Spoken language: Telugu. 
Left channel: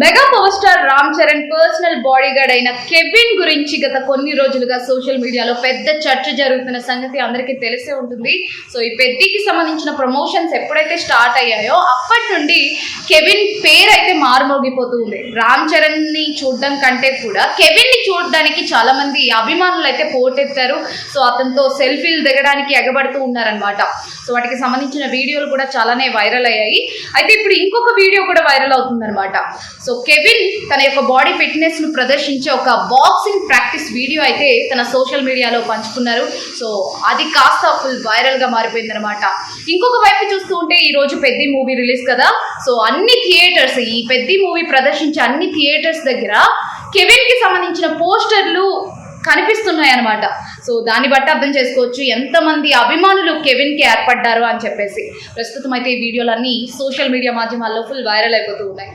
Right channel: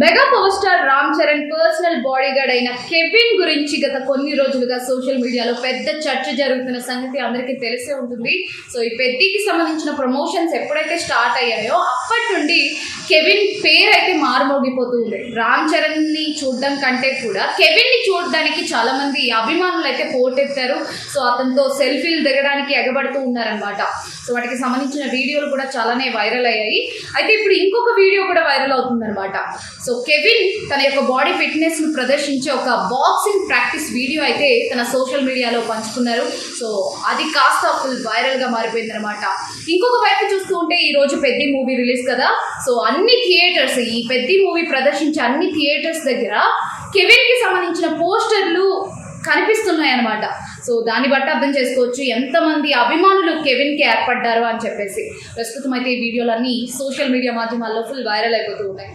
Mega power star Ram Charan personal body guard అయిన కెవిన్ గురించి గత కొన్ని రోజులుగా సోషల్ మీడియాలో పెద్ద చర్చ జరుగుతున్న సంగతి అందరికీ తెలిసే ఉంటుంది. సో ఈ పెద్దికి సంబంధించిన ప్రమోషన్స్ ఎప్పుడైతే స్టార్ట్ అయ్యాయో అప్పటి నుండి కెవిన్ పేరు అయితే మారుమోగిపోతూ ఉంది. రామ్ చరణ్ ని చూడడం కంటే కూడా కెవిన్ ని చూడడానికి చాలా మంది అభిమానులు అయితే పోటెత్తారు. సో అతనితో సెల్ఫీలు దిగడానికి ఎగబడుతూ ఉన్నారనమాట. సో వాటికి సంబంధించిన వీడియోలు కూడా చాలానే వైరల్ అయ్యాయి. అయితే ఇప్పుడు ఇంకొక వీడియో కూడా వైరల్ అవుతుందన్నమాట. సో కెవిన్ తన యొక్క బాడీ ఫిట్నెస్ ను ప్రదర్శించే ఒక బాక్సింగ్ ప్రాక్టీస్ వీడియో అయితే తన సోషల్ మీడియాలో పంచుకున్నారు. సో అది కాస్త ఫుల్ వైరల్ గా మారిపోయింది అనమాట. ఇంకొక వైపు చూస్తూ ఉంటే ఈ రోజు పెద్ది మూవీ రిలీజ్ కదా. సో అన్ని థియేటర్స్, ఈ పెద్ది మూవీ ప్రదర్శించే అన్ని థియేటర్స్ దగ్గర కెవిన్ కి సంబంధించిన పోస్టర్లు కనిపిస్తున్నాయి అనమాట. సో దాన్ని బట్టి అర్థం చేసుకోవచ్చు ఎంతమంది అభిమానులు కెవిన్ కి ఏర్పడ్డారు అని చెప్పేసి. ప్రస్తుతం అయితే ఈ వీడియోలన్నీ సోషల్ మీడియా మాధ్యమాల్లో ఫుల్ వైరల్ అయిపోతూ ఉన్నాయి.